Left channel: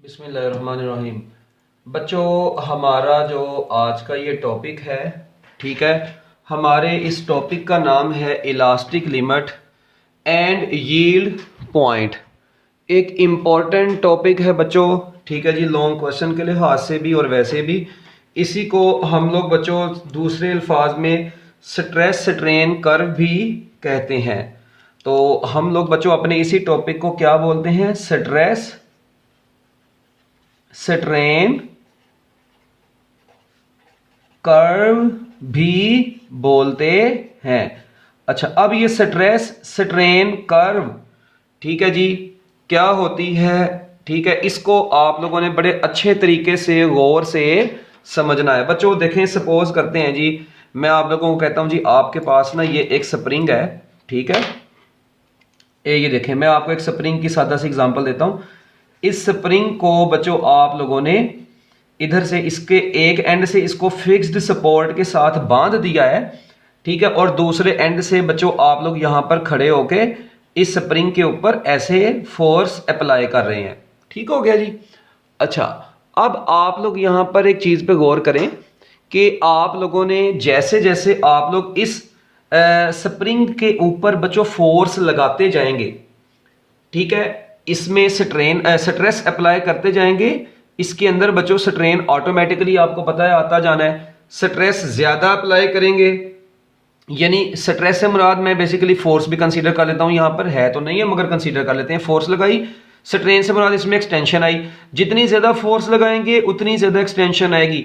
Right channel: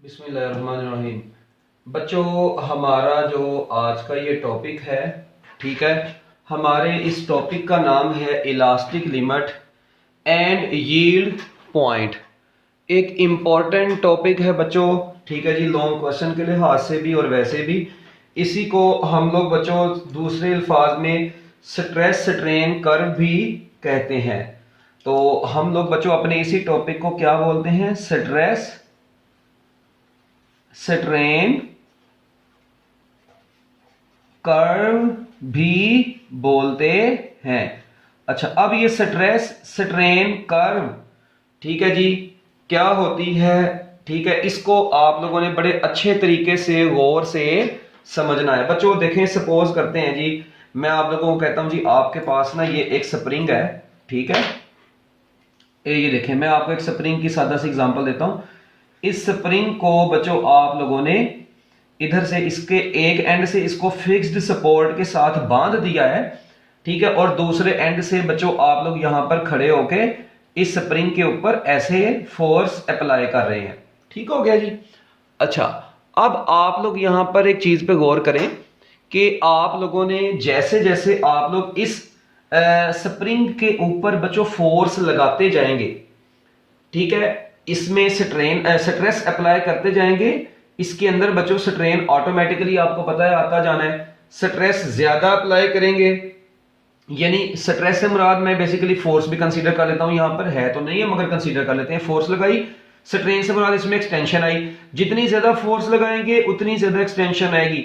बिस्मिल्लाहिर्रहमानिर्रहीम। बच्चों, हमारा जो आज का ये टॉपिक है, ठीक है, हमारे इस टॉपिक का नाम है elastic limit and yield point. एक इम्पॉर्टेंट टॉपिक है बच्चों, ठीक है जी, लॉन्ग क्वेश्चन के लिहाज से भी और वैसे भी। इसी को हम लोग बच्चों दूसरे अल्फाज में स्ट्रेस स्ट्रेन कर्व भी कहते हैं। तो हम लोग बच्चों अपने इसी टॉपिक को क्या बोलते हैं? स्ट्रेस स्ट्रेन कर्व भी बोलते हैं। अच्छा, अब ये स्ट्रेस स्ट्रेन कर्व, ठीक है जी, क्या होती है? ठीक है, इसको आप लोगों ने बड़े अच्छे तरीके से गौर से समझना है। बच्चों देखें, सपोज करते हैं जी, मैं आप लोगों को कहता हूं जी, आपके पास ना ये एक स्प्रिंग है, ठीक है, ये देखें, मैं आपको एक स्प्रिंग की सादा सी एग्जांपल देता हूं। इस स्प्रिंग को बच्चों आप लोगों ने इधर से इसके एक एंड से इसको फिक्स्ड सपोर्ट के साथ बांध दिया है, ठीक है, और दूसरे एंड से बच्चों आप लोग यहां पर खड़े होके इस स्प्रिंग के ऊपर ऐसे फोर्स अप्लाई कर रहे हैं। ठीक हो गया जी। अच्छा, अब आप लोग यहां पर एक चीज पे गौर करें कि आप लोगों ने जैसे जैसे आप लोग इस स्प्रिंग के ऊपर बच्चों फोर्स लगाते जाएंगे, ठीक है, इसमें स्ट्रेस अप्लाई करते जाएंगे, इसके अंदर बच्चों स्ट्रेन ऑटोमेटिकली आपको पता है आता जाना है। स्ट्रेस ज्यादा अप्लाई करेंगे, यानी स्ट्रेस से मुराद मैं बेसिकली फोर्स भी कंसीडर कर लेता हूं, यहां पर है तो नहीं है मगर कंसीडर कर लेते हैं। फोर्स लगाई, स्ट्रेन से मुराद इसमें एक्सटेंशन आई, जितनी ज्यादा फोर्स लगाएंगे उतनी ज्यादा एक्सटेंशन आएगी।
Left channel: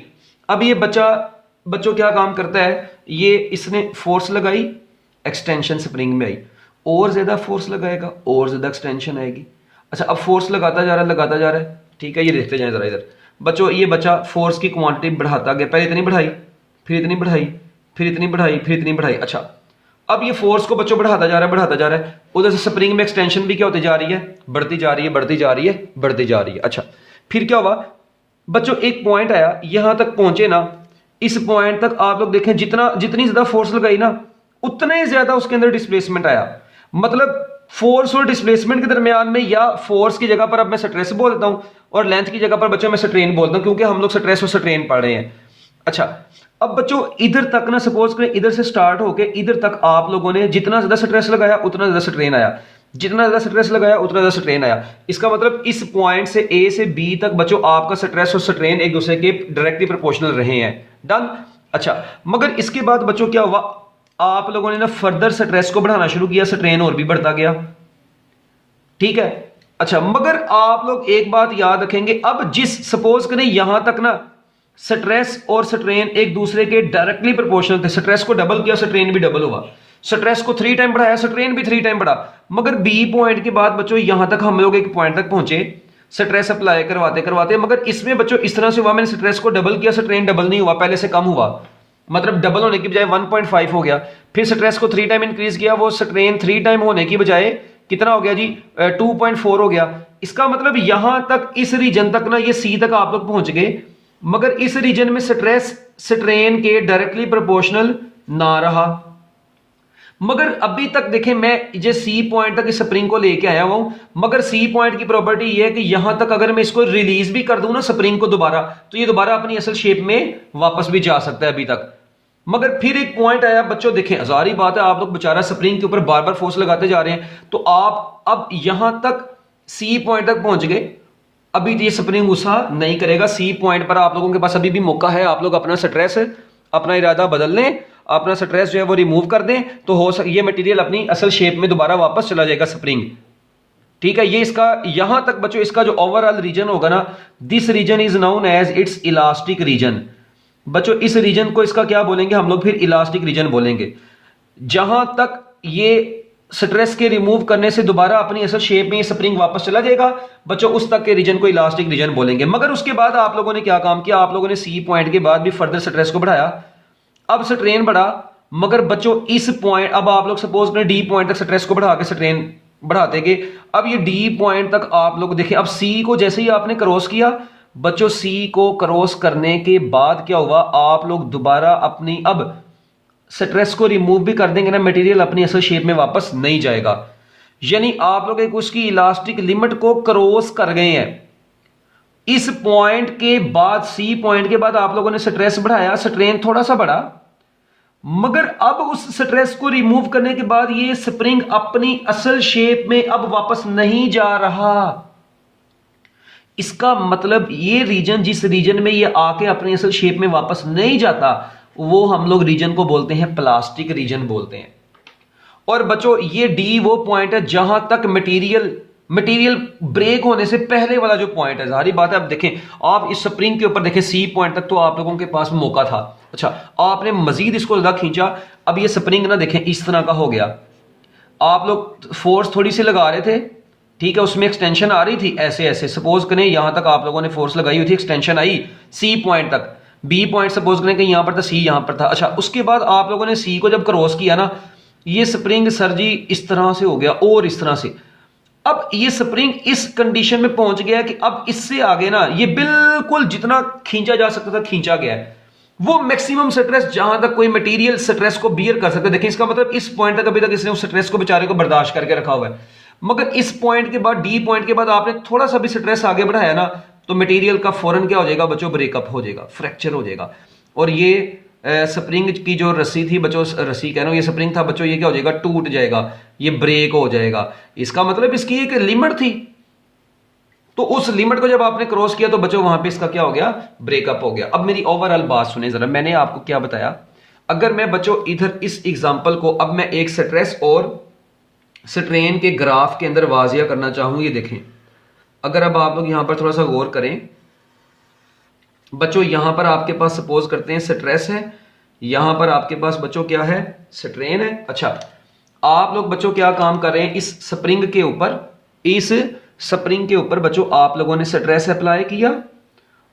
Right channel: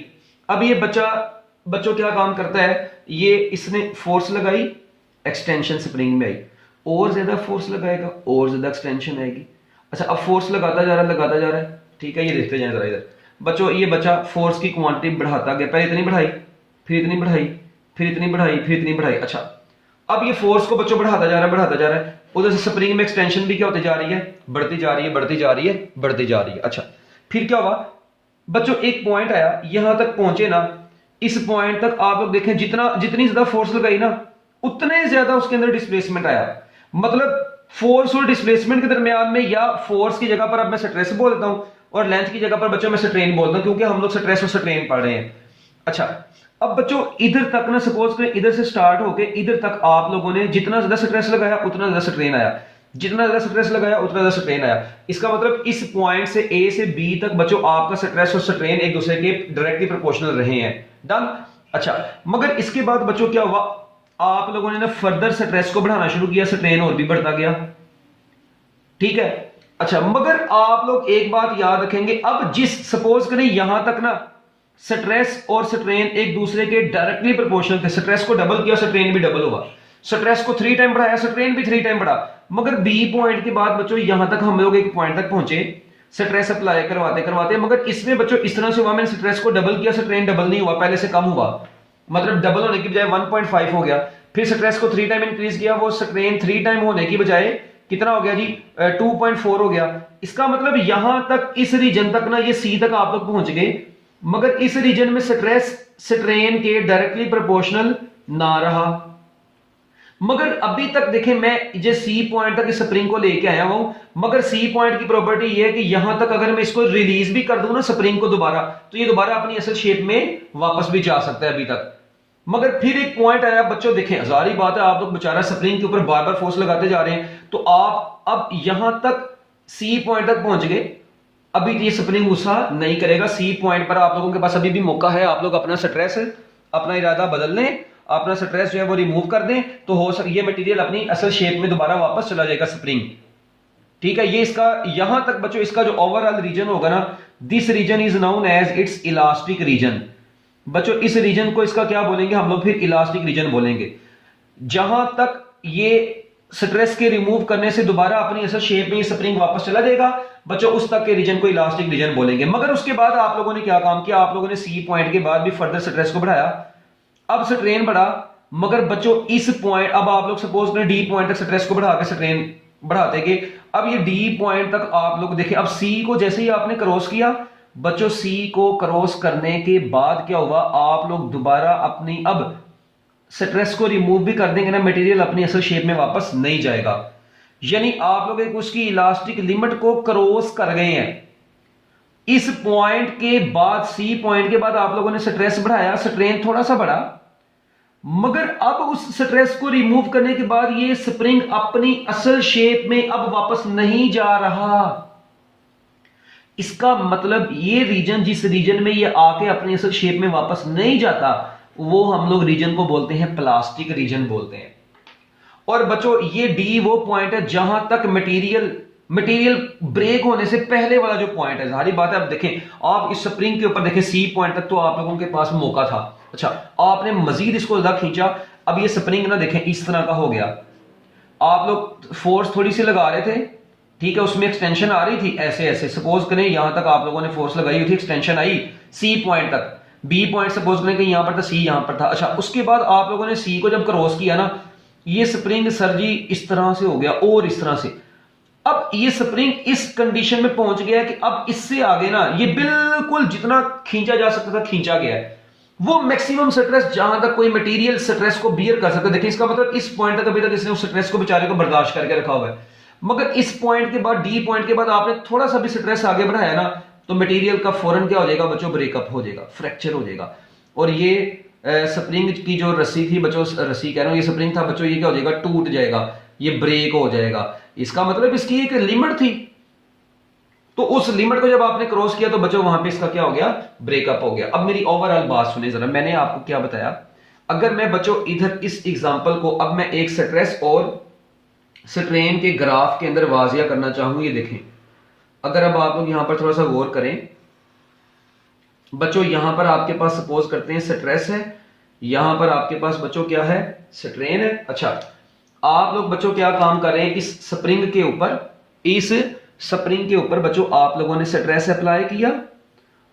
अब ये बच्चों क्या काम करता है, ये इसने फोर्स लगाई, एक्सटेंशन स्प्रिंग में आई, और ज्यादा फोर्स लगाएगा और ज्यादा एक्सटेंशन आएगी। अच्छा, अब फोर्स लगाता जा रहा है, ठीक है, ये देखते जाए जरा इधर बच्चों, ये बच्चा फोर्स की क्वांटिटी बढ़ाता गया, पहले इतनी बढ़ाई, फिर इतनी बढ़ाई, फिर इतनी बढ़ाई, फिर इतनी बढ़ाई। अच्छा, अब ये फोर्स को बच्चों बढ़ाता जा रहा है, उधर से स्प्रिंग में एक्सटेंशन भी क्या होती जा रही है, बढ़ती जा रही है, बढ़ती जा रही है, बढ़ती जा रही है। अच्छा, फिर क्या हुआ बच्चों, एक पॉइंट आया, यहां तक पहुंचे ना, इस पॉइंट तक आप लोग देखें, जितनी ज्यादा फोर्स लगाई ना उतने ज्यादा उसके अंदर डिस्प्लेसमेंट आया। मतलब फोर्स और डिस्प्लेसमेंट के दरमियान में, या फोर्स की जगह पर अब मैं स्ट्रेस बोल देता हूं और लेंथ की जगह पर बच्चों मैं स्ट्रेन बोलता हूं, क्योंकि हम लोग स्ट्रेस और स्ट्रेन पढ़ रहे हैं। अच्छा, अब बच्चों इधर तक ना, सपोज करें इधर से स्टार्ट होके इधर तक आप लोगों ने जितना ज्यादा स्ट्रेस लगाया उतना ज्यादा स्ट्रेन आया, जितना ज्यादा स्ट्रेस लगाया उतना ज्यादा स्ट्रेन आया। इसका मतलब इस पॉइंट से ए से बी तक बच्चों आपका स्ट्रेस और स्ट्रेन एक दूसरे के डायरेक्टली प्रोपोर्शनल रहे हैं। डन। अच्छा, मगर इसके बाद बच्चों क्या हुआ, आप लोगों ने ना फर्दर स्ट्रेस को बढ़ाना शुरू किया, स्ट्रेन और भी बढ़ता गया, ठीक है। अच्छा, मगर आप लोग एक बात याद रखेंगे, अब जिस सपोज करें यहां तक ना स्ट्रेस और स्ट्रेन एक दूसरे के डायरेक्टली प्रोपोर्शनल थे, स्ट्रेस को डबल किया, स्ट्रेन भी डबल हुआ, स्ट्रेस को 3 टाइम बढ़ाया, स्ट्रेन भी 3 टाइम बढ़ा। मगर बी पॉइंट के बाद बच्चों यहां तक हम लोग एक पॉइंट तक पहुंचे स्ट्रेस अप्लाई करवाते करवाते, मगर इसमें बच्चों इस तरह से हुआ, मैंने स्ट्रेस को डबल किया, स्ट्रेन डबल नहीं हुआ, पहले से कम हुआ, मतलब डबल होने की बजाय 1.5 हो गया। फिर स्ट्रेस को 3 टाइम इंक्रीज किया, वो स्ट्रेन 3 टाइम होने की बजाय कितना हो गया जी, 2.4 हो गया। इसका मतलब यहां तक इस रीजन तक ना, ये सी तक आप लोग पहुंच गए, मगर इस रीजन में स्ट्रेस स्ट्रेन के डायरेक्टली प्रोपोर्शनल ना रहा। मगर अभी तक देखें, मैं जो सी पॉइंट तक इस स्प्रिंग को लेके आया हूं, मगर सी पॉइंट की प्रॉपर्टी ये है कि यहां तक अगर मैं इसको रिलीज भी कर दूं ना स्प्रिंग को दोबारा, तो ये दोबारा अपनी असल शेप में वापस भी जा सकता है अभी तक। मगर फिर एक पॉइंट आया बच्चों, देखें हजारी बात है, आप लोग बेचारा स्प्रिंग के ऊपर बार बार फोर्स लगाते जा रहे हैं, तो आप अब यहां तक सी पॉइंट तक पहुंच गए, अभी ये स्प्रिंग गुस्सा नहीं करेगा। सी पॉइंट पर आप लोगों के पास अभी भी मौका है, आप लोग अपना स्ट्रेस, अपना इरादा बदल लें, अपना स्ट्रेस जो है वो रिमूव कर दें, तो हो सके ये मटेरियल अपनी असल शेप में दोबारा वापस चला जाएगा स्प्रिंग, ठीक है। ये इसका यहां तक बच्चों, इसका जो ओवरऑल रीजन होगा ना, this region is known as its elastic region. बच्चों इस रीजन को इसका क्या बोलेंगे हम लोग, फिर इलास्टिक रीजन बोलेंगे। जहां तक ये स्ट्रेस के रिमूव करने से दोबारा अपनी असल शेप में ये स्प्रिंग वापस चला जाएगा बच्चों, उस तक के रीजन को इलास्टिक रीजन बोलेंगे। मगर उसके बाद आप लोगों ने क्या काम किया, आप लोगों ने सी पॉइंट के बाद भी फर्दर स्ट्रेस को बढ़ाया, अब स्ट्रेन बढ़ा, मगर बच्चों इस पॉइंट, अब आप लोग सपोज करें डी पॉइंट तक स्ट्रेस को बढ़ा के स्ट्रेन बढ़ाते गए, अब ये डी पॉइंट तक आप लोग देखें, अब सी को जैसे ही आपने क्रॉस किया बच्चों, सी को क्रॉस करने के बाद क्या हुआ, आप लोग दोबारा अपनी अब स्ट्रेस को रिमूव भी कर देंगे ना, मटेरियल अपनी असल शेप में वापस नहीं जाएगा। यानी आप लोग एक उसकी इलास्टिक लिमिट को क्रॉस कर गए हैं। इस पॉइंट के बाद, सी पॉइंट के बाद आप लोगों ने स्ट्रेस बढ़ाया, स्ट्रेन थोड़ा सा बढ़ा, मगर अब उस स्ट्रेस को रिमूव करने के बाद ये स्प्रिंग अपनी असल शेप में अब वापस नहीं जा रहा। इसका मतलब ये रीजन, जिस रीजन में ये आके अपनी असल शेप में वापस नहीं जाता, वो हम लोग रीजन को बोलते हैं प्लास्टिक रीजन बोलते हैं। और बच्चों ये डी वो पॉइंट है जहां तक मटेरियल ब्रेक होने से पहले वाला जो पॉइंट है। सारी बात है, अब देखें आप इस स्प्रिंग के ऊपर देखें, सी पॉइंट तक तो आप लोगों के पास मौका था। अच्छा, आपने मजीद इसको ज्यादा खींचा, अब ये स्प्रिंग ना देखें इस तरह का हो गया। आप लोग फोर्स थोड़ी सी लगा रहे थे, ठीक है, उसमें एक्सटेंशन आ रही थी, ऐसे ऐसे सपोज करें यहां तक आप लोगों ने फोर्स लगाई हुई थी, एक्सटेंशन आई सी पॉइंट तक, बी पॉइंट सपोज करें कि यहां पर था, सी यहां पर था। अच्छा, उसके बाद आप लोगों ने सी को जब क्रॉस किया ना, ये स्प्रिंग सर जी इस तरह से हो गया और इस तरह से। अब ये स्प्रिंग इस कंडीशन में पहुंच गया है कि अब इससे आगे ना ये बिल्कुल जितना खींचा जा सकता था खींचा गया है। वो मैक्सिमम स्ट्रेस जहां तक कोई मटेरियल स्ट्रेस को बियर कर सकते, देखिए इसका मतलब इस पॉइंट तक अभी तक इसने उस स्ट्रेस को बेचारे को बर्दाश्त करके रखा हुआ है, मगर इस पॉइंट के बाद, डी पॉइंट के बाद आपने थोड़ा सा भी स्ट्रेस आगे बढ़ाया ना, तो मटेरियल का फौरन क्या हो जाएगा बच्चों, ब्रेकअप हो जाएगा, फ्रैक्चर हो जाएगा। और ये स्प्रिंग की जो रस्सी थी बच्चों, रस्सी कह रहा हूं, ये स्प्रिंग था बच्चों, ये क्या हो जाएगा, टूट जाएगा, ये ब्रेक हो जाएगा। इसका मतलब इसकी एक लिमिट थी, तो उस लिमिट को जब आपने क्रॉस किया तो बच्चों वहां पे इसका क्या हो गया, ब्रेकअप हो गया। अब मेरी ओवरऑल बात सुने जरा, मैंने आपको क्या बताया। अगर मैं बच्चों इधर इस एग्जांपल को अब मैं एक स्ट्रेस और स्ट्रेन के ग्राफ के अंदर वाजिया करना चाहूं, ये देखें, अगर अब आप लोग यहां पर थोड़ा सा गौर करें बच्चों, यहां पर आपके पास सपोज करते हैं स्ट्रेस है, यहां पर आपके पास बच्चों क्या है, स्ट्रेन है। अच्छा, आप लोग बच्चों क्या काम कर रहे हैं, इस स्प्रिंग के ऊपर, इस स्प्रिंग के ऊपर बच्चों आप लोगों ने स्ट्रेस अप्लाई किया,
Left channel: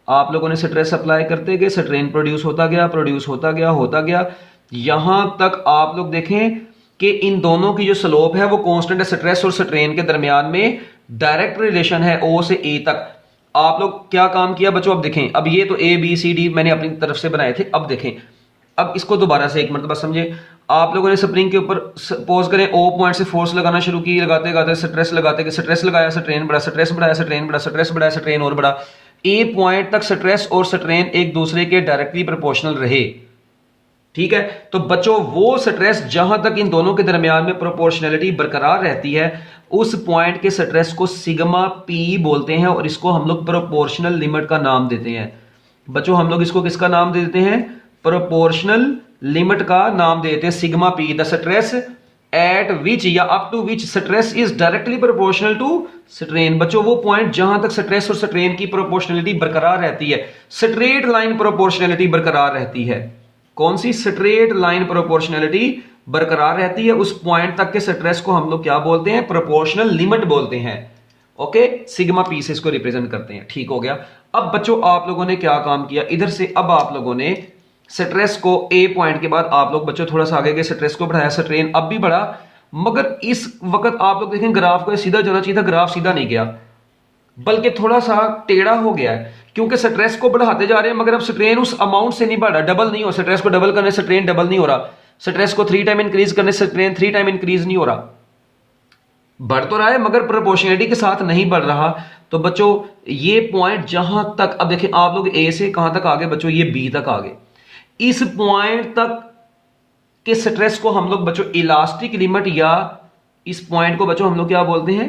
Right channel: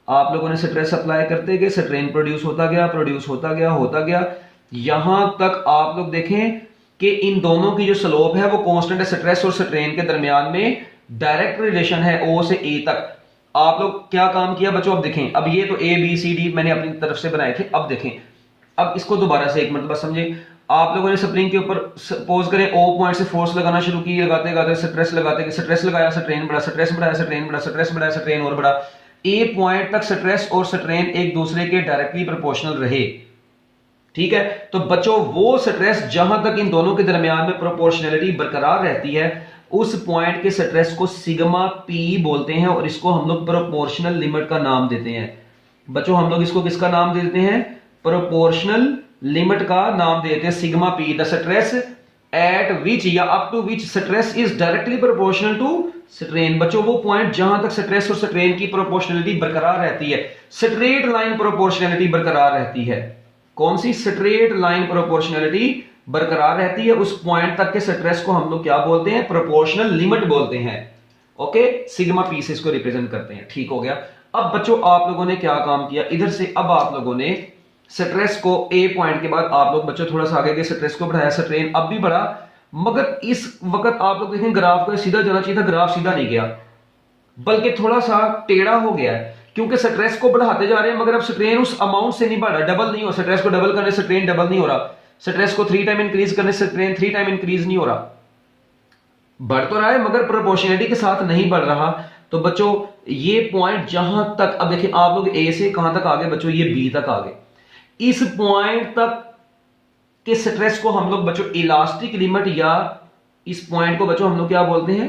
आप लोगों ने स्ट्रेस अप्लाई करते गए, स्ट्रेन प्रोड्यूस होता गया, प्रोड्यूस होता गया, होता गया, यहां तक आप लोग देखें कि इन दोनों की जो स्लोप है वो कांस्टेंट है। स्ट्रेस और स्ट्रेन के दरमियान में डायरेक्ट रिलेशन है ओ से ए तक। आप लोग क्या काम किया बच्चों, अब देखें, अब ये तो ए बी सी डी मैंने अपनी तरफ से बनाए थे, अब देखें, अब इसको दोबारा से एक मरतबा समझे। आप लोगों ने स्प्रिंग के ऊपर सपोज करें ओ पॉइंट से फोर्स लगाना शुरू की, लगाते लगाते स्ट्रेस लगाते गए, स्ट्रेस लगाया, स्ट्रेन बढ़ा, स्ट्रेस बढ़ाया, स्ट्रेन बढ़ा, स्ट्रेस बढ़ाया, स्ट्रेन और बढ़ा। ए पॉइंट तक स्ट्रेस और स्ट्रेन एक दूसरे के डायरेक्टली प्रोपोर्शनल रहे, ठीक है। तो बच्चों वो स्ट्रेस जहां तक इन दोनों के दरमियान में प्रोपोर्शनलिटी बरकरार रहती है, उस पॉइंट के स्ट्रेस को सिग्मा पी बोलते हैं, और इसको हम लोग प्रोपोर्शनल लिमिट का नाम देते हैं। बच्चों हम लोग इसको किसका नाम दे देते हैं, प्रोपोर्शनल लिमिट का नाम देते हैं, sigma P. The stress at which या up to which stress is directly proportional to strain. बच्चों वो पॉइंट जहां तक स्ट्रेस और स्ट्रेन की प्रोपोर्शनलिटी बरकरार रहती है, स्ट्रेट लाइन प्रोपोर्शनलिटी बरकरार रहती है। कौन सी, स्ट्रेट लाइन प्रोपोर्शनलिटी बरकरार रहती है, उस पॉइंट तक के स्ट्रेस को हम लोग क्या बोलते हैं, प्रोपोर्शनल लिमिट बोलते हैं। ओके, सिग्मा पी से इसको रिप्रेजेंट करते हैं, ठीक हो गया। अब बच्चों आप लोगों ने क्या काम किया इधर से, अब आप लोगों ने स्ट्रेस को ए पॉइंट के बाद आप लोग बच्चों थोड़ा सा आगे गए, स्ट्रेस को बढ़ाया, स्ट्रेन अब भी बढ़ा, मगर इस वक्त आप लोग देखें ग्राफ को सीधा जाना चाहिए था, ग्राफ सीधा नहीं गया बल्कि थोड़ा सा टेढ़ा हो गया है, क्योंकि स्ट्रेस को बढ़ाते जा रहे हैं मगर अब स्ट्रेन उस अमाउंट से नहीं बढ़ रहा, डबल नहीं हो, स्ट्रेस को डबल करने से स्ट्रेन डबल नहीं हो रहा, स्ट्रेस को 3 टाइम इंक्रीज करने से स्ट्रेन 3 टाइम इंक्रीज नहीं हो रहा, बढ़ तो रहा है मगर प्रोपोर्शनलिटी के साथ नहीं बढ़ रहा। तो बच्चों ये पॉइंट जहां तक, अब देखिए आप लोग ए से कहां तक आगे बच्चों, ये बी तक आगे, इस पॉइंट तक के स्ट्रेस को हम लोग बच्चों इलास्टिक लिमिट, या इस पॉइंट को बच्चों हम लोग क्या बोलते हैं,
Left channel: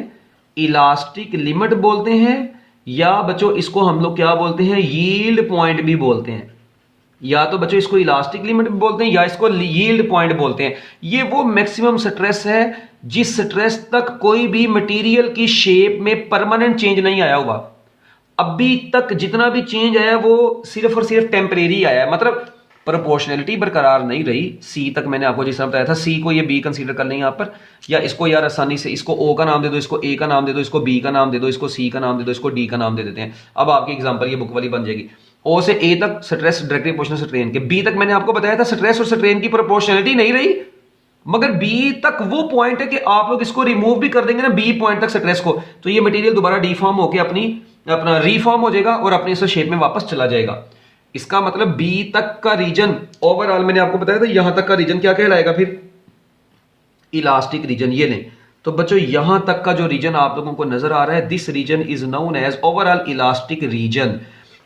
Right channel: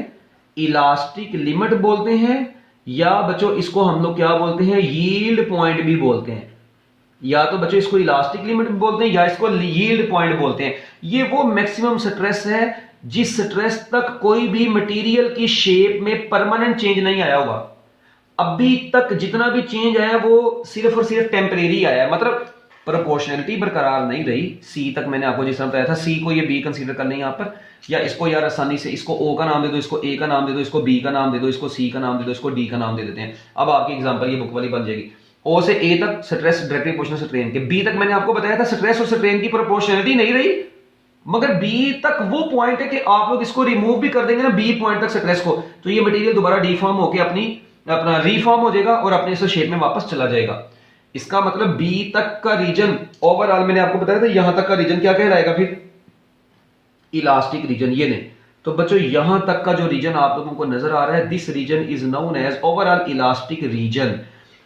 इलास्टिक लिमिट बोलते हैं, या बच्चों इसको हम लोग क्या बोलते हैं, यील्ड पॉइंट भी बोलते हैं। या तो बच्चों इसको इलास्टिक लिमिट भी बोलते हैं या इसको यील्ड पॉइंट बोलते हैं। ये वो मैक्सिमम स्ट्रेस है जिस स्ट्रेस तक कोई भी मटेरियल की शेप में परमानेंट चेंज नहीं आया हुआ। अभी तक जितना भी चेंज आया वो सिर्फ और सिर्फ टेम्परेरी आया है, मतलब प्रोपोर्शनलिटी बरकरार नहीं रही। सी तक मैंने आपको जिस तरह बताया था, सी को ये बी कंसीडर कर लें यहाँ पर, या इसको यार आसानी से इसको ओ का नाम दे दो, इसको ए का नाम दे दो, इसको बी का नाम दे दो, इसको सी का नाम दे दो, इसको डी का नाम दे देते हैं। अब आपकी एग्जांपल ये बुक वाली बन जाएगी। ओ से ए तक स्ट्रेस डायरेक्टली प्रोपोर्शनल स्ट्रेन के, बी तक मैंने आपको बताया था स्ट्रेस और स्ट्रेन की प्रोपोर्शनलिटी नहीं रही, मगर बी तक वो पॉइंट है कि आप लोग इसको रिमूव भी कर देंगे ना बी पॉइंट तक स्ट्रेस को, तो ये मटेरियल दोबारा डिफॉर्म होकर अपना रिफॉर्म हो जाएगा और अपने इस शेप में वापस चला जाएगा। इसका मतलब बी तक का रीजन ओवरऑल मैंने आपको बताया था, यहां तक का रीजन क्या कहलाएगा फिर, इलास्टिक रीजन। ये नहीं, तो बच्चों यहां तक का जो रीजन आप लोगों को नजर आ रहा है, this region is known as overall elastic region.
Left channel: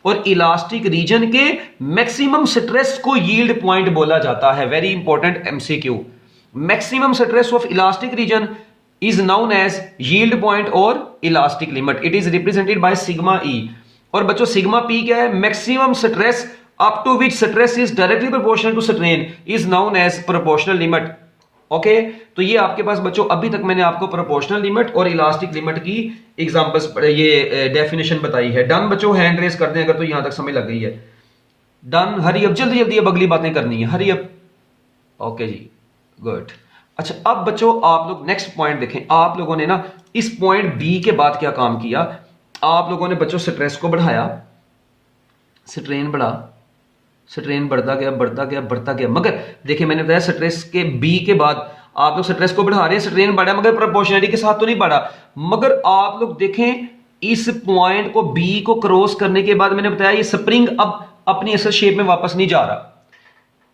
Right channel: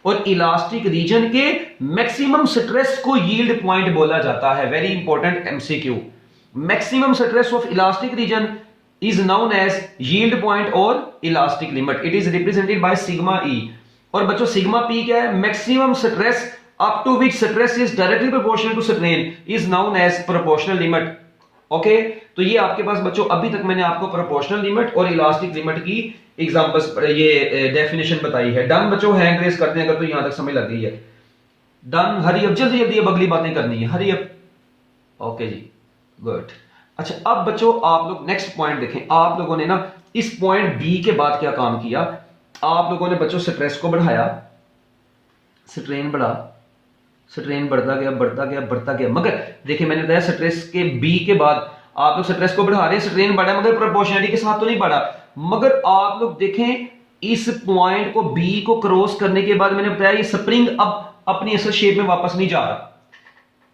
और इलास्टिक रीजन के मैक्सिमम स्ट्रेस को यील्ड पॉइंट बोला जाता है। Very important MCQ. Maximum stress of elastic region is known as yield point और elastic limit. It is represented by sigma E. और बच्चों sigma P क्या है? Maximum stress up to which stress is directly proportional to strain is known as proportional limit. Okay तो ये आपके पास बच्चों अभी तक मैंने आपको प्रोपोर्शनल लिमिट और इलास्टिक लिमिट की एग्जांपल्स ये डेफिनेशन बताई है। डन बच्चों, हैंड रेस कर दें अगर तो यहां तक समझ लग गई है। डन, हरी अप, जल्दी जल्दी अब अगली बातें करनी है, हरी अप। ओके जी, गुड। अच्छा अब बच्चों आप लोग नेक्स्ट पॉइंट देखें। आप लोगों ने ना इस पॉइंट बी के बाद क्या काम किया, आप लोगों ने बच्चों स्ट्रेस को बढ़ाया, स्ट्रेन बढ़ा, स्ट्रेन बढ़ता गया बढ़ता गया बढ़ता गया, मगर देखिए मैंने बताया स्ट्रेस के बी के बाद आप लोग स्ट्रेस को बढ़ा रहे हैं, स्ट्रेन बढ़ा मगर प्रोपोर्शनलिटी के साथ तो नहीं बढ़ा। मगर आप लोग देखें इस पॉइंट को बी को क्रॉस करने के बाद मैंने बताया ये स्प्रिंग अब अपनी असल शेप में वापस नहीं जा रहा।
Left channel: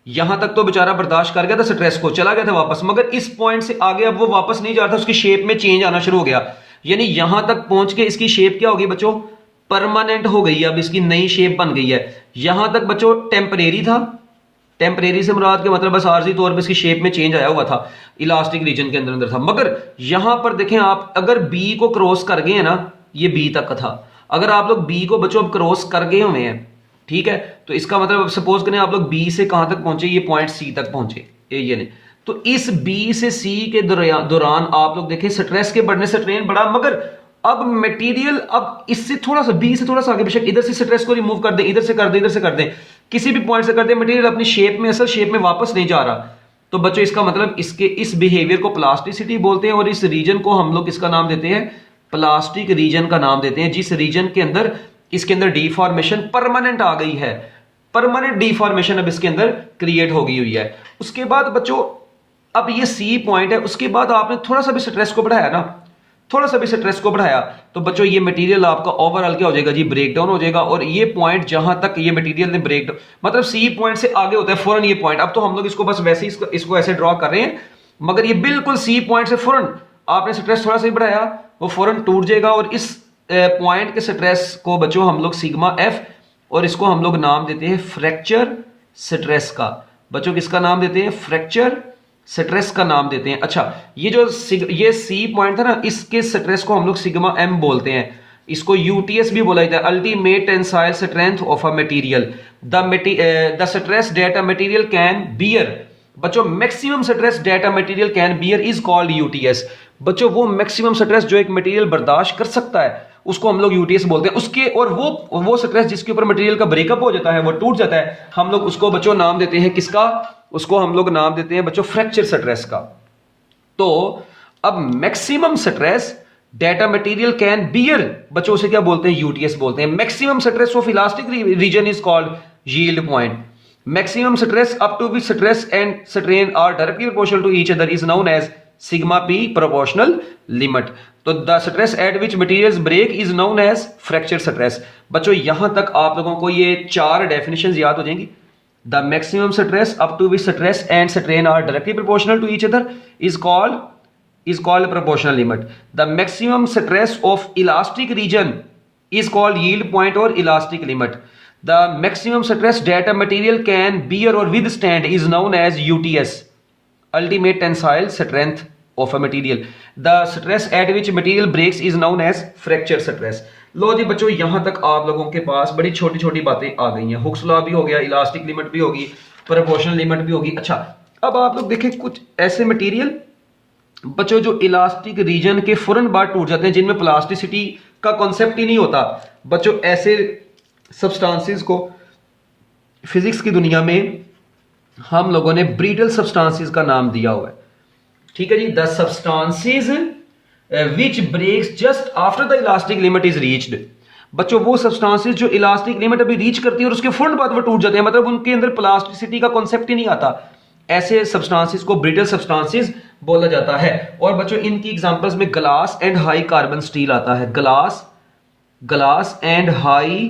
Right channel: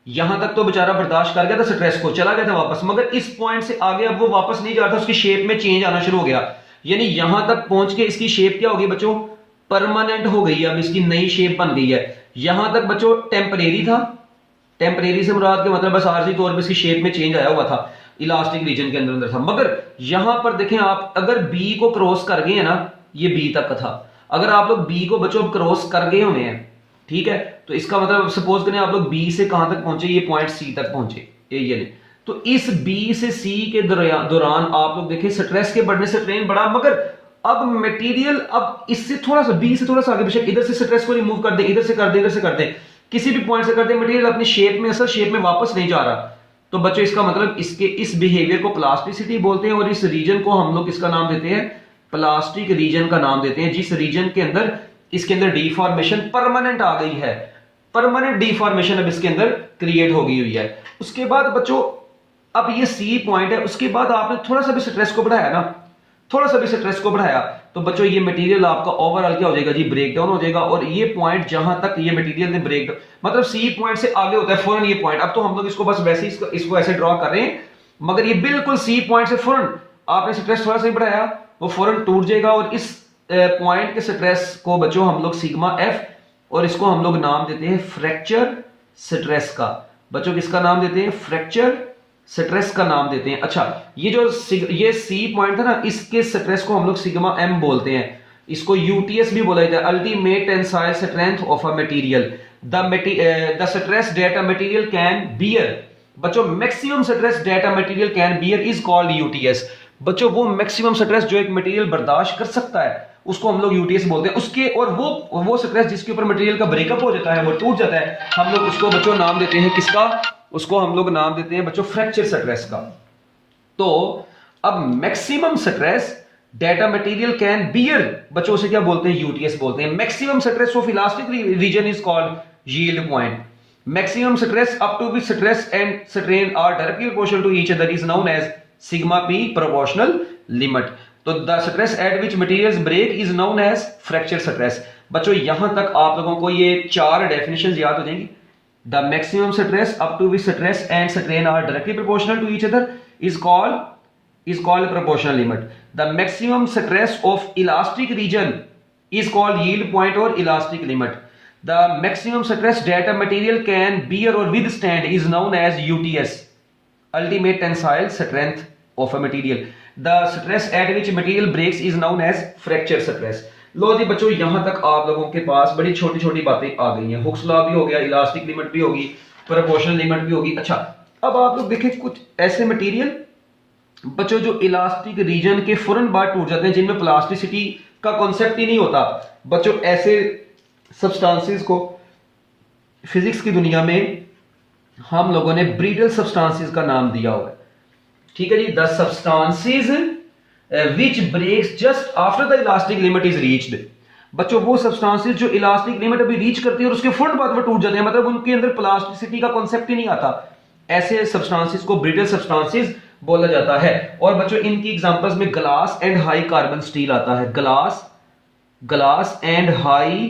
यहां तक तो बेचारा बर्दाश्त कर गया था स्ट्रेस को, चला गया था वापस, मगर इस पॉइंट से आगे अब वो वापस नहीं जा रहा था, उसकी शेप में चेंज आना शुरू हो गया। यानी यहां तक पहुंच के इसकी शेप क्या होगी बच्चों, परमानेंट हो गई है, अब इसकी नई शेप बन गई है। यहां तक बच्चों टेम्परेरी था, टेम्परेरी से मुराद के मतलब बस आर्जी तौर पर इसकी शेप में चेंज आया हुआ था, इलास्टिक रीजन के अंदर था। मगर यहां पर देखें आप, अगर बी को क्रॉस कर गए हैं ना, ये बी तक था, अगर आप लोग बी को बच्चों क्रॉस कर गए हुए हैं, ठीक है, तो इसका मतलब सपोज करें आप लोग बी से कहां तक पहुंचे, ये पॉइंट सी तक पहुंचे, ये नहीं, तो इस बी से सी के दौरान आप लोग देखें स्ट्रेस के बढ़ने से स्ट्रेन बढ़ा, मगर अब मटेरियल अब इससे थोड़ा सा बी से थोड़ा सा आगे, बेशक इधर से स्ट्रेस को रिमूव कर दे, इधर से कर दे, इधर से कर दे, किसी भी पॉइंट से कर दे, मटेरियल अपनी शेप में असल शेप में वापस नहीं जा रहा। तो बच्चों इसका मतलब इसके इस बिहेवियर को प्लास्टिसिटी बोलते हैं और इस रीजन को हम लोग किसका नाम देते हैं, प्लास्टिक रीजन का नाम देते हैं, जिस रीजन के अंदर इसके अंदर डिफॉर्मेशन परमानेंट आ गई है, परमानेंट डिफॉर्मेशन अब इसके अंदर क्रिएट हो गई हुई है। उसके बाद बच्चों अब ये सी पॉइंट है, उसके बाद आपने थोड़ा सा भी स्ट्रेस को बढ़ाया ना, थोड़ा सा भी स्ट्रेस को बढ़ाया, तो बच्चों ये मटेरियल आपका ओवरऑल क्या हो जाएगा जी, ब्रेक डाउन हो जाएगा। और ये पॉइंट जहां तक ये मटेरियल ने ब्रेक डाउन, मतलब सी पॉइंट से आगे होता है फौरन ये पॉइंट, अब तो हम लोग इसको बस वैसे ही इसको ऐसे ड्रॉ कर रहे हैं, मगर ये बिल्कुल सी पॉइंट से फौरन आपने स्ट्रेस थोड़ा सा ही बढ़ाया, वो फौरन टूट जाएगा। और इस पॉइंट के स्ट्रेस को बच्चों हम लोग सिग्मा एफ, और इसको हम लोग नाम देते हैं फ्रैक्चर स्ट्रेस का। बच्चों किसका नाम देते हैं, फ्रैक्चर स्ट्रेस का नाम देते हैं। अच्छा ये सी पॉइंट था ना, इसके स्ट्रेस को हम लोग सिग्मा एम बोलते हैं, इसको यूटीएस भी बोला जाता है, ultimate tensile strength of a material, the stress that a material can bear. बच्चों maximum stress that a material can bear is called UTS. बच्चों वो मैक्सिमम स्ट्रेस जो एक मटेरियल बर्दाश्त कर सकता है उसको हम लोग यूटीएस बोलते हैं। उसके और वो स्ट्रेस जिसके ऊपर मटेरियल का ब्रेकअप हो जाता है, वो टूट जाता है, हम लोग उसको बच्चों नाम देते हैं किसका, उसको हम लोग नाम देते हैं बच्चों फ्रैक्चर स्ट्रेस का। तो अब maximum stress that a material can bear, बच्चों उसे क्या बोलते हैं, यूटीएस बोलते हैं। Maximum stress of elastic region is called yield point. Maximum stress up to which stress and strain are directly proportional to each other is known as sigma P proportional limit. तो the stress at which materials break is known as fracture stress. बच्चों यहां तक आप लोगों को ये चार definitions याद हो जाएंगी। The maximum stress up to which stress and strain are directly proportional to each other is called proportional limit. The maximum stress of elastic region is called yield point or elastic limit. The maximum stress that a material can bear or withstand is known as UTS, ultimate tensile strength of a material. The stress at which material breaks is known as fracture stress. लो जी बच्चों यहां तक आप लोगों के पास बड़ी छोटी छोटी बातें आ गई हैं। हुक्स लॉ भी हो गया, इलास्टिक लिमिट भी होगी, प्रोपोर्शनल लिमिट भी होगी। अच्छा अब आप लोग देखें कुछ ऐसे मटेरियल बच्चों जो इलास्टिक रीजन के फौरन बाद टूट जाते हैं, जिनमें प्लास्टिसिटी का कॉन्सेप्ट ही नहीं होता। बच्चों ऐसे सब्सटेंसेस को फिजिक्स की दुनिया में हम लोगों ने ब्रिटल सब्सटेंसेस का नाम दिया हुआ है। ठीक है जी, the substances which breaks just after the elastic limit is reached। बच्चों वो सब्सटेंसेस जो इलास्टिक लिमिट अभी रीच करती है और उसके फौरन बाद वो टूट जाते हैं, मतलब उनके अंदर प्लास्टिसिटी का कॉन्सेप्ट ही नहीं आता, ऐसे सब्सटेंसेस को ब्रिटल सब्सटेंसेस बोला जाता है। और बच्चों इनकी एग्जांपल्स में glass and high carbon steel आता है। Glass and high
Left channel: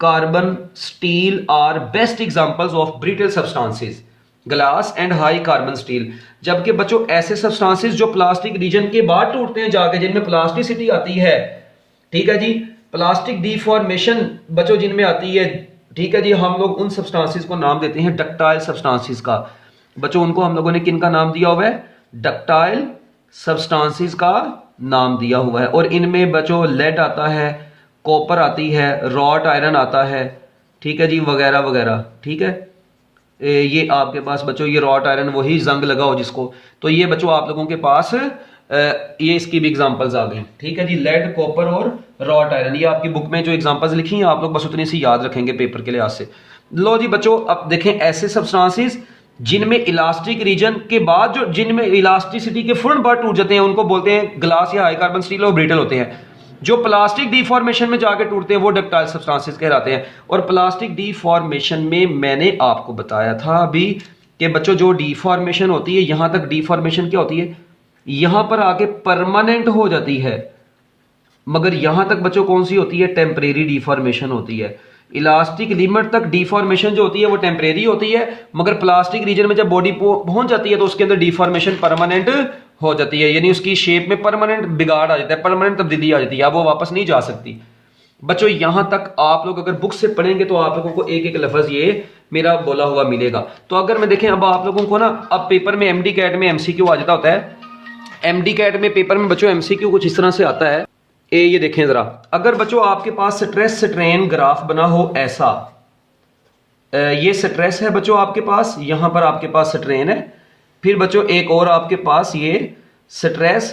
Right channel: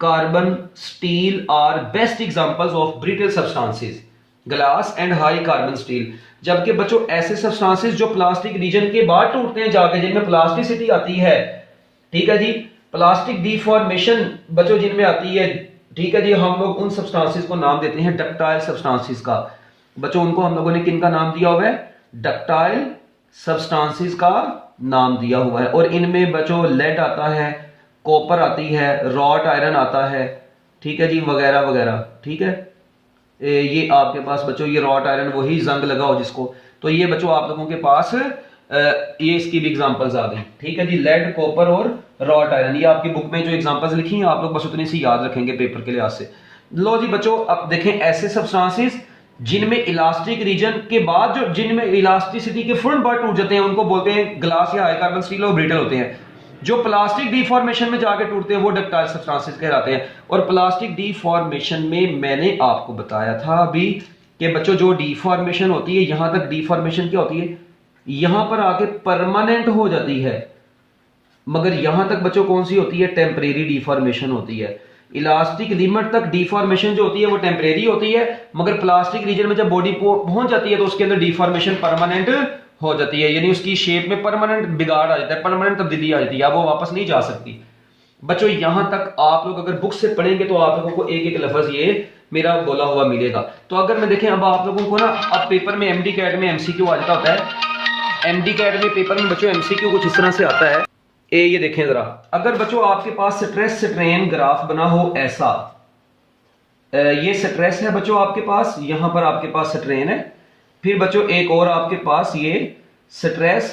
carbon steel are best examples of brittle substances. Glass and high carbon steel. जबकि बच्चों ऐसे सब्सटेंसेस जो प्लास्टिक रीजन के बाद टूटते हैं जाके, जिनमें प्लास्टिसिटी आती है, ठीक है जी, प्लास्टिक डिफॉर्मेशन बच्चों जिनमें आती है, ठीक है जी, हम लोग उन सब्सटेंसेस को नाम देते हैं डक्टाइल सब्सटेंसेस का। बच्चों उनको हम लोगों ने किन का नाम दिया हुआ है? डक्टाइल सब्सटेंसेस का नाम दिया हुआ है। और इनमें बच्चों लेड आता है, कॉपर आती है, रॉट आयरन आता है, ठीक है जी, वगैरह वगैरह। ठीक है, ये आपके पास बच्चों ये रॉट आयरन, वही जंग लगा हो जिसको, तो ये बच्चों आप लोगों के पास ये इसकी भी एग्जांपल्स आ गई। ठीक है जी, लेड, कॉपर और रॉट आयरन, ये आपकी बुक में जो एग्जांपल्स लिखी हैं आप लोग बस उतनी सी याद रखेंगे पेपर के लिहाज से। लो जी बच्चों, अब देखें ऐसे सब्सटेंसेस जिनमें इलास्टिक रीजन के बाद जो जिनमें इलास्टिसिटी के फौरन बाद टूट जाते हैं उनको बोलते हैं ग्लास या हाई कार्बन स्टील, और ब्रिटल होते हैं। जो प्लास्टिक डिफॉर्मेशन में जाके टूटते हैं वो डक्टाइल सब्सटेंसेस कहलाते हैं। और प्लास्टिक डिफॉर्मेशन में मैंने आपको बताया था अभी कि बच्चों जो डिफॉर्मेशन होती है, यहां तक डिफॉर्मेशन क्या होती है, यहां पर आके परमानेंट हो जाती है, मगर यहां तक बच्चों कौन सी होती है? टेम्परेरी डिफॉर्मेशन होती है। इलास्टिक लिमिट तक डिफॉर्मेशन जो होती है वो टेम्परेरी होती है, मगर प्लास्टिक रीजन में जब बॉडी पहुंच जाती है तो उसके अंदर डिफॉर्मेशन परमानेंट हो जाती है, यानी उसकी शेप में परमानेंट बिगाड़ आ जाता है, परमानेंट तब्दीली आ जाती है, अब वो वापस नहीं जा सकती। बच्चों यहां तक आप लोग अगर बुक से पढ़ेंगे तो आप लोगों को एक एक लफ्ज ये मेरा बोला हुआ मिलेगा। तो अगर मैं देखें अब आप लोगों को ना, अब पेपर में एमडी कैट में एमसीक्यू आ जाता होता है। एमडी कैट में पेपर में बच्चों एमसीक्यू कुछ इस तरह से आता है। ये देखें जरा, अगर बच्चों आपके पास स्ट्रेस स्ट्रेन ग्राफ बना हो ऐसा, ये स्ट्रेस है बच्चों आपके पास, यहां पर आपके पास स्ट्रेन है, फिर बच्चों एक और आपके पास ये स्ट्रेस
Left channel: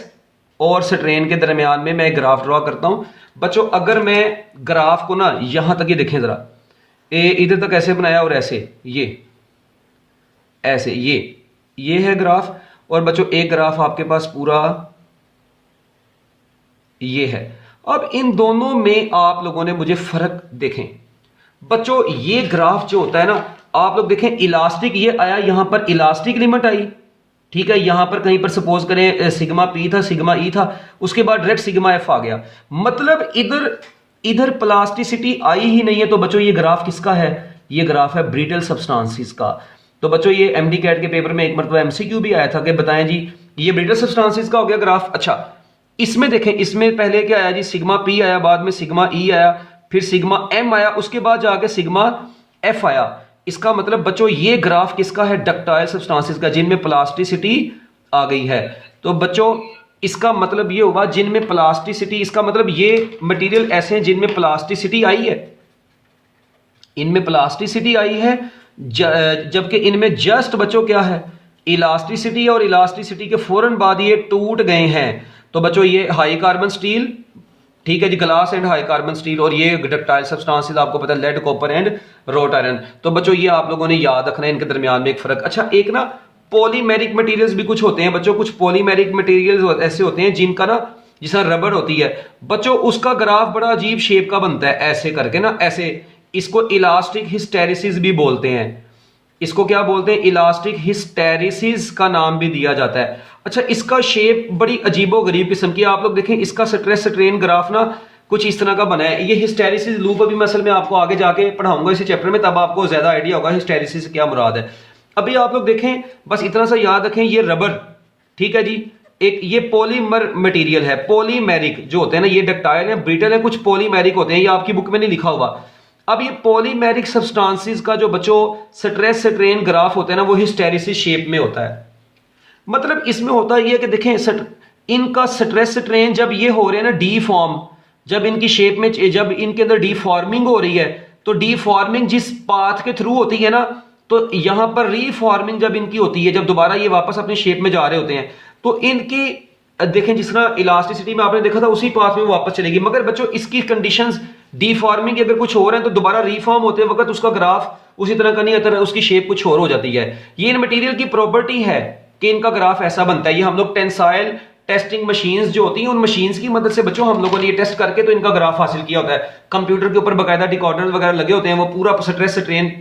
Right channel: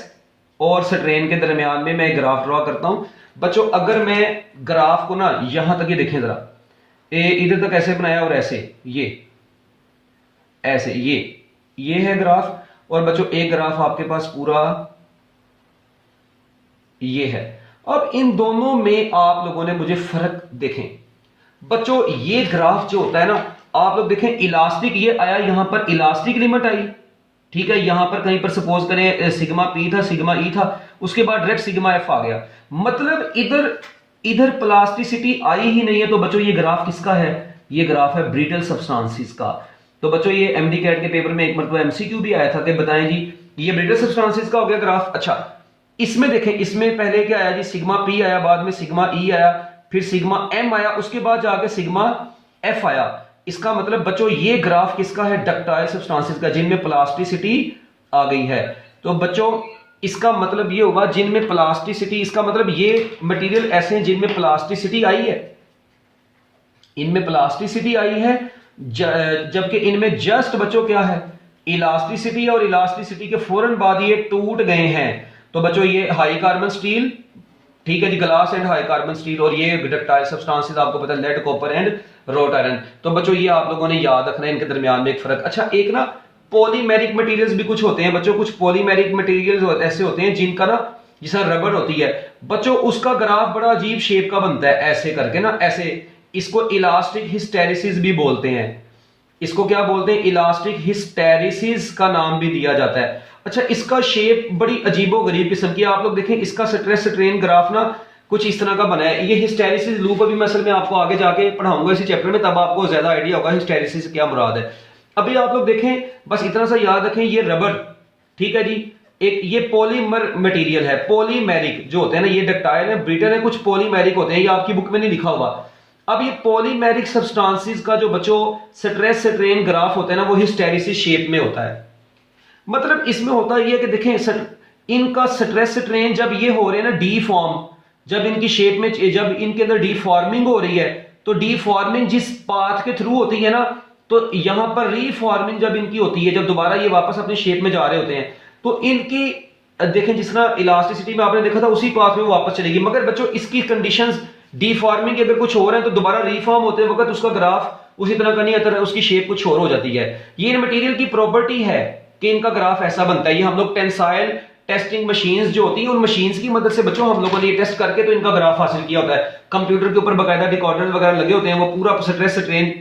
और स्ट्रेन के दरमियान में मैं ग्राफ ड्रॉ करता हूं। बच्चों अगर मैं ग्राफ को ना यहां तक, ये देखें जरा, इधर तक ऐसे बनाया और ऐसे, ये ऐसे, ये है ग्राफ, और बच्चों एक ग्राफ आपके पास पूरा ये है। अब इन दोनों में आप लोगों ने मुझे फर्क देखें। बच्चों ये ग्राफ जो होता है ना, आप लोग देखें इलास्टिक ये आया, यहां पर इलास्टिक लिमिट आई, ठीक है, यहां पर कहीं पर सपोज करें सिग्मा पी था, सिग्मा ई था, उसके बाद डायरेक्ट सिग्मा एफ आ गया, मतलब इधर प्लास्टिसिटी आई ही नहीं है। तो बच्चों ये ग्राफ किसका है? ये ग्राफ है ब्रिटल सब्सटेंसेस का। तो बच्चों ये एमडी कैट के पेपर में एक मतलब एमसीक्यू भी आया था कि बताएं जी ये ब्रिटल सब्सटेंसेस का हो गया ग्राफ। अच्छा, इसमें देखें, इसमें पहले क्या आया जी, सिग्मा पी आया, बाद में सिग्मा ई आया, फिर सिग्मा एम आया, उसके बाद जाके सिग्मा एफ आया। इसका मतलब बच्चों ये ग्राफ किसका है? डक्टाइल सब्सटेंसेस का, जिनमें प्लास्टिसिटी आ गई है। तो बच्चों इसका मतलब ये होगा जिनमें प्लास्टिसिटी, इसका मतलब ये मटेरियल ऐसे हैं जिनमें प्लास्टिसिटी आई है, इनमें प्लास्टिसिटी आई है, जबकि इनमें जस्ट बच्चों क्या है? इलास्टिसिटी, और इलास्टिसिटी के फौरन बाद ये टूट गए हैं। तो बच्चों ये हाई कार्बन स्टील, ठीक है जी, glass and high carbon steel, और ये डक्टाइल सब्सटेंसेस आपको पता है lead, copper and wrought iron. तो बच्चों ये आप लोगों ने याद रखना है, इनके दरमियान में एक फर्क। अच्छा, एक ना पॉलीमेरिक मटेरियल्स भी कुछ होते हैं बच्चों, कुछ पॉलीमेरिक मटेरियल्स ऐसे होते हैं जिनका ना, जिसका रबड़ होती है बच्चों, उसका ग्राफ बड़ा अजीब शेप का बनता है, ऐसे करके ना, ऐसे, इसको इलास्टिक हिस्टेरिसिस भी बोलते हैं। इसको क्या बोलते हैं? इलास्टिक हिस्टेरिसिस का नाम भी दिया जाता है। अच्छा, इसका शेप बड़ी अजीबो गरीब किस्म की, आप लोग देखें इसका स्ट्रेस स्ट्रेन ग्राफ ना कुछ इस तरह का बना है। ये हिस्टेरिसिस लूप अभी मैं असल में आपको आगे जाके पढ़ाऊंगा इसी चैप्टर में, तब आपको ज्यादा आइडिया होगा हिस्टेरिसिस क्या मुराद है। अभी आप लोग देखें, बस इतना सा याद रखें, ये रबर, ठीक है जी, एक ये पॉलीमर मटेरियल है, पॉलीमेरिक जो होते हैं ना, ये डक्टाइल है, ब्रिटल है, कुछ पॉलीमेरिक होते हैं, ये आपकी बुक में नहीं लिखा हुआ। अब ये पॉलीमेरिक सब्सटेंसेस का जो बच्चों स्ट्रेस स्ट्रेन ग्राफ होता है ना, वो हिस्टेरिसिस शेप में होता है। मतलब इसमें होता है ये कि देखें इनका स्ट्रेस स्ट्रेन जब ये हो रहे हैं ना डीफॉर्म, जब इनकी शेप में, जब इनके अंदर डीफॉर्मिंग हो रही है, तो डीफॉर्मिंग जिस पाथ के थ्रू होती है ना, तो यहां पर रीफॉर्मिंग जब इनकी होती है, जब दोबारा ये वापस अपनी शेप में जा रहे होते हैं, तो इनकी देखें जिस तरह इलास्टिसिटी में आपने देखा था उसी पाथ में वापस चलेगी। मगर बच्चों इसकी कंडीशंस डीफॉर्मिंग अगर कुछ हो रहा है तो दोबारा रिफॉर्म होते वक्त उसका ग्राफ उसी तरह का नहीं आता, उसकी शेप कुछ और हो जाती है। ये इन मटेरियल की प्रॉपर्टी है कि इनका ग्राफ ऐसा बनता है। ये हम लोग टेंसाइल टेस्टिंग मशीन्स जो होती हैं, उन मशीन्स की मदद से बच्चों हम लोगों ने ये टेस्ट करके तो इनका ग्राफ हासिल किया होता है। कंप्यूटर के ऊपर बाकायदा डिकॉर्डर वगैरह लगे होते हैं, वो पूरा स्ट्रेस स्ट्रेन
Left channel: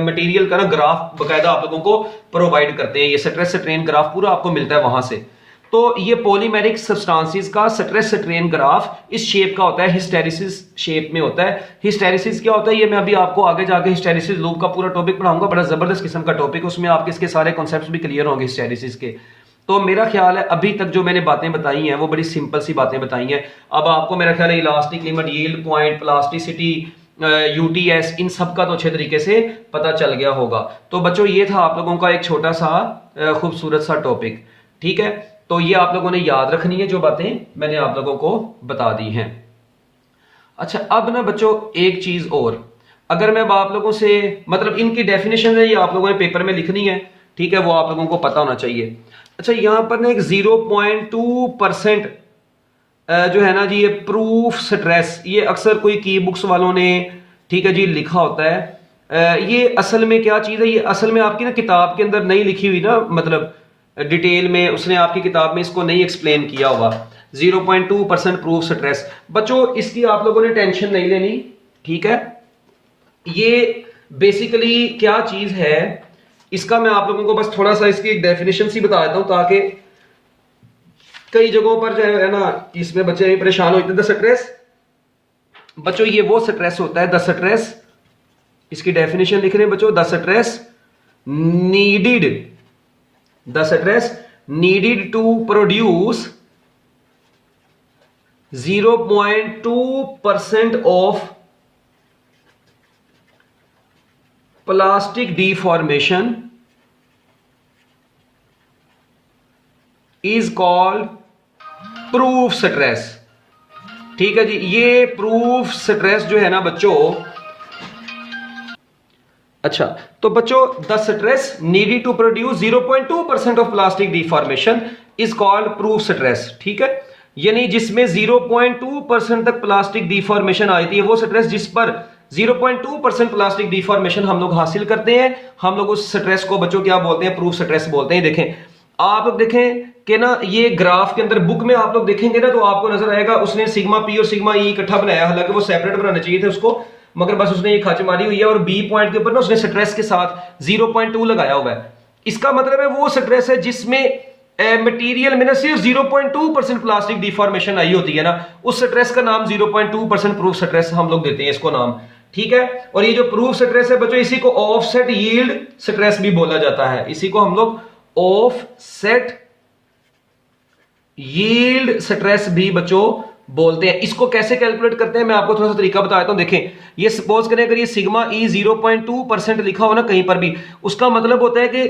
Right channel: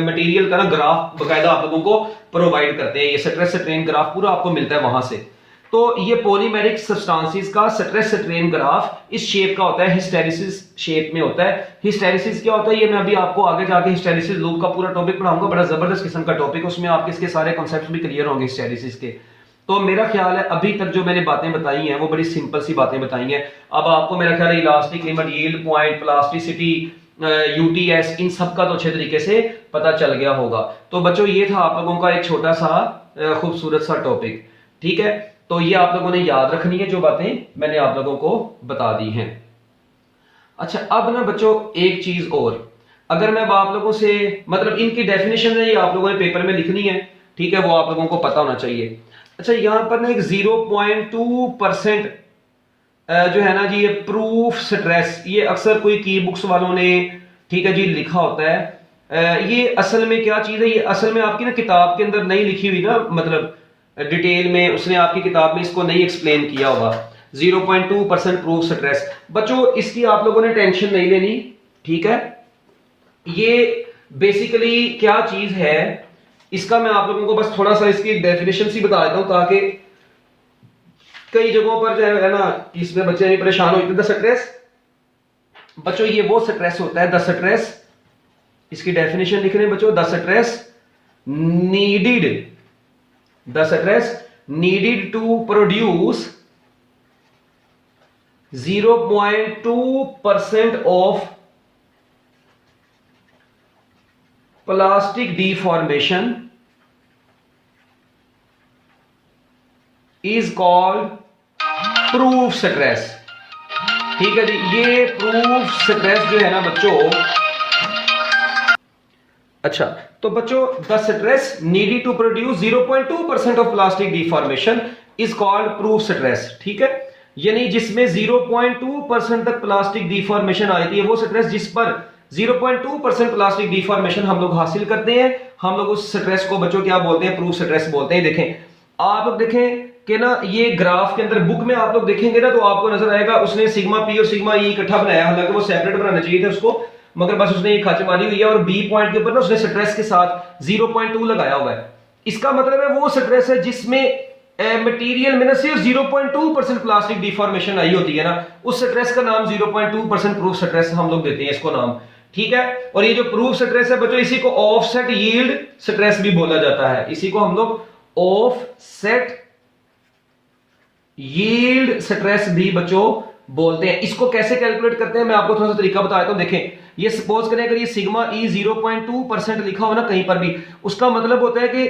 मटेरियल का ना ग्राफ बाकायदा आप लोगों को प्रोवाइड करते हैं। ये स्ट्रेस स्ट्रेन ग्राफ पूरा आपको मिलता है वहां से। तो ये पॉलीमेरिक सब्सटेंसेस का स्ट्रेस स्ट्रेन ग्राफ इस शेप का होता है, हिस्टेरेसिस शेप में होता है। हिस्टेरेसिस क्या होता है ये मैं अभी आपको आगे जाके हिस्टेरेसिस लूप का पूरा टॉपिक पढ़ाऊंगा, बड़ा जबरदस्त किस्म का टॉपिक, उसमें आपके इसके सारे कॉन्सेप्ट्स भी क्लियर होंगे हिस्टेरेसिस के। तो मेरा ख्याल है अभी तक जो मैंने बातें बताई हैं वो बड़ी सिंपल सी बातें बताई हैं। अब आपको मेरा ख्याल है elastic limit, yield point, plasticity, UTS, इन सब का तो अच्छे तरीके से पता चल गया होगा। तो बच्चों ये था आप लोगों का एक छोटा सा खूबसूरत सा टॉपिक, ठीक है। तो ये आप लोगों ने याद रखनी है जो बातें मैंने आप लोगों को बता दी हैं। अच्छा अब ना बच्चों एक चीज और, अगर मैं अब आप लोगों से मतलब इनकी डेफिनेशन है ये आप लोगों ने पेपर में लिखनी है, ठीक है, वो आप लोगों को पता होना चाहिए। अच्छा यहां पर ना एक 0.2% जो है ना जी ये प्रूफ स्ट्रेस, ये अक्सर कोई की बुक्स वालों ने, ठीक है जी, लिखा होता है। ये असल में क्या चीज है, ये असल में आपकी ना किताब के अंदर नहीं लिखी हुई ना, मतलब डिटेल में उसने आपकी किताब में इसको नहीं एक्सप्लेन किया होगा। 0.2% प्रूफ स्ट्रेस बच्चों, इसकी आप लोगों ने टेंशन नहीं लेनी, ठीक है। ये बेसिकली क्या चीज है, इसका मैं आप लोगों को बस थोड़ा सा इसकी एक डेफिनेशन सी बता देता हूं, ताकि कई जगहों पर जो है ना इसमें बच्चे परेशान होते हैं। द स्ट्रेस बच्चों ये वो स्ट्रेस होता है, द स्ट्रेस, इसकी डेफिनेशन लिख रहे हैं बच्चों, the stress needed to produce 0.2% of plastic deformation is called proof stress, ठीक है जी। ये प्रूफ स्ट्रेस जो है ना बच्चों, अच्छा तो बच्चों the stress needed to produce 0.2% of plastic deformation is called proof stress, ठीक है। यानी जिसमें 0.2% तक प्लास्टिक डिफॉर्मेशन आती है, वो स्ट्रेस जिस पर 0.2% प्लास्टिक डिफॉर्मेशन हम लोग हासिल करते हैं, हम लोग उस स्ट्रेस को बच्चों क्या बोलते हैं, प्रूफ स्ट्रेस बोलते हैं। देखें आप लोग देखें कि ना ये ग्राफ के अंदर बुक में आप लोग देखेंगे ना तो आपको नजर आएगा उसने सिग्मा पी और सिग्मा ई इकट्ठा बनाया, हालांकि वो सेपरेट बनाना चाहिए थे उसको, मगर बस उसने ये खच मारी हुई है और बी पॉइंट के ऊपर ना उसने स्ट्रेस के साथ 0.2 लगाया हुआ है। इसका मतलब है वो स्ट्रेस है जिसमें मटेरियल में ना सिर्फ 0.2% प्लास्टिक डिफॉर्मेशन आई होती है ना, उस स्ट्रेस का नाम 0.2% प्रूफ स्ट्रेस हम लोग देते हैं इसको नाम, ठीक है। और ये जो प्रूफ स्ट्रेस है बच्चों, इसी को ऑफसेट यील्ड स्ट्रेस भी बोला जाता है, इसी को हम लोग ऑफसेट यील्ड स्ट्रेस भी बच्चों बोलते हैं। इसको कैसे कैलकुलेट करते हैं मैं आपको थोड़ा सा तरीका बता देता हूं। देखें ये सपोज करें अगर ये सिग्मा ई 0.2% लिखा हो ना कहीं पर भी, उसका मतलब होता है कि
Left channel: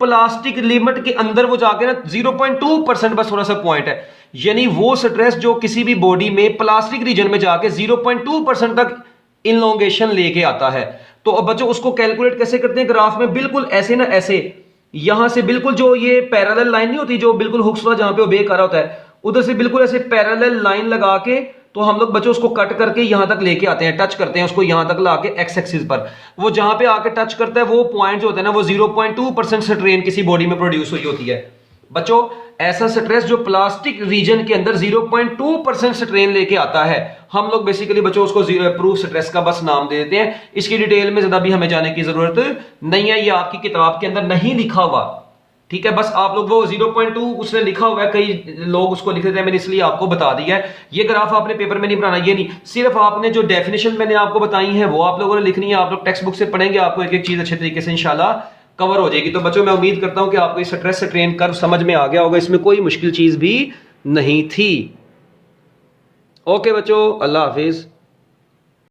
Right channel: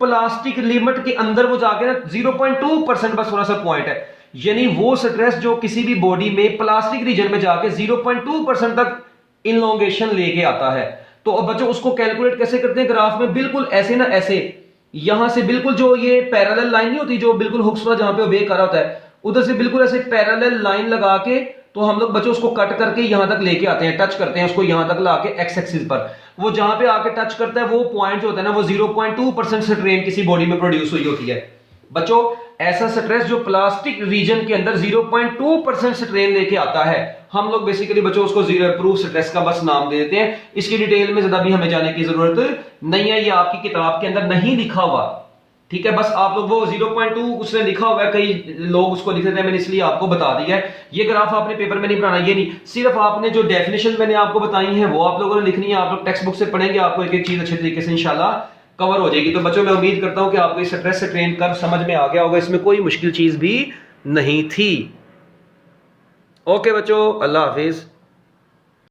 प्लास्टिक लिमिट के अंदर वो जाके ना 0.2% बस थोड़ा सा पॉइंट है, यानी वो स्ट्रेस जो किसी भी बॉडी में प्लास्टिक रीजन में जाके 0.2% तक इनलोंगेशन लेके आता है। तो अब बच्चों उसको कैलकुलेट कैसे करते हैं, ग्राफ में बिल्कुल ऐसे ना ऐसे, यहां से बिल्कुल जो ये पैरेलल लाइन नहीं होती जो बिल्कुल हुक्स वाला जहां पे बे कर रहा होता है, उधर से बिल्कुल ऐसे पैरेलल लाइन लगा के तो हम लोग बच्चों उसको कट करके यहां तक लेके आते हैं, टच करते हैं उसको यहां तक लाके एक्स एक्सिस पर, वो जहां पे आके टच करता है वो पॉइंट जो होता है ना वो 0.2% स्ट्रेन किसी बॉडी में प्रोड्यूस हुई होती है। बच्चों ऐसा स्ट्रेस जो प्लास्टिक रीजन के अंदर 0.2% स्ट्रेन लेके आता है, हम लोग बेसिकली बच्चों उसको प्रूफ स्ट्रेस का बस नाम दे देते हैं। इसकी डिटेल में ज्यादा भी हमें जाने की जरूरत नहीं है, ये आपकी किताब के अंदर नहीं लिखा हुआ, ठीक है। बस आप लोग वो 0.2 उसने लिखा हुआ है, कई लोग उसको लिख देते हैं, मैंने इसलिए आपको बता दिया है। ये ग्राफ आपने पेपर में नहीं बनाना, ये नहीं, सिर्फ आपने जो डेफिनेशन मैंने आपको बताई है वो आप लोगों ने लिखनी है। आप लोग टेक्स्ट बुक से पढ़ेंगे, आपको एक एक चीज अच्छे तरीके से इंशाल्लाह कवर हो जाएगी। तो बच्चों मैं उम्मीद करता हूं कि आपको इस स्ट्रेस से ट्रेन कर समझ में आ गया होगा, इसमें कोई मुश्किल चीज भी नहीं थी। ओके बच्चों, अल्लाह हाफिज।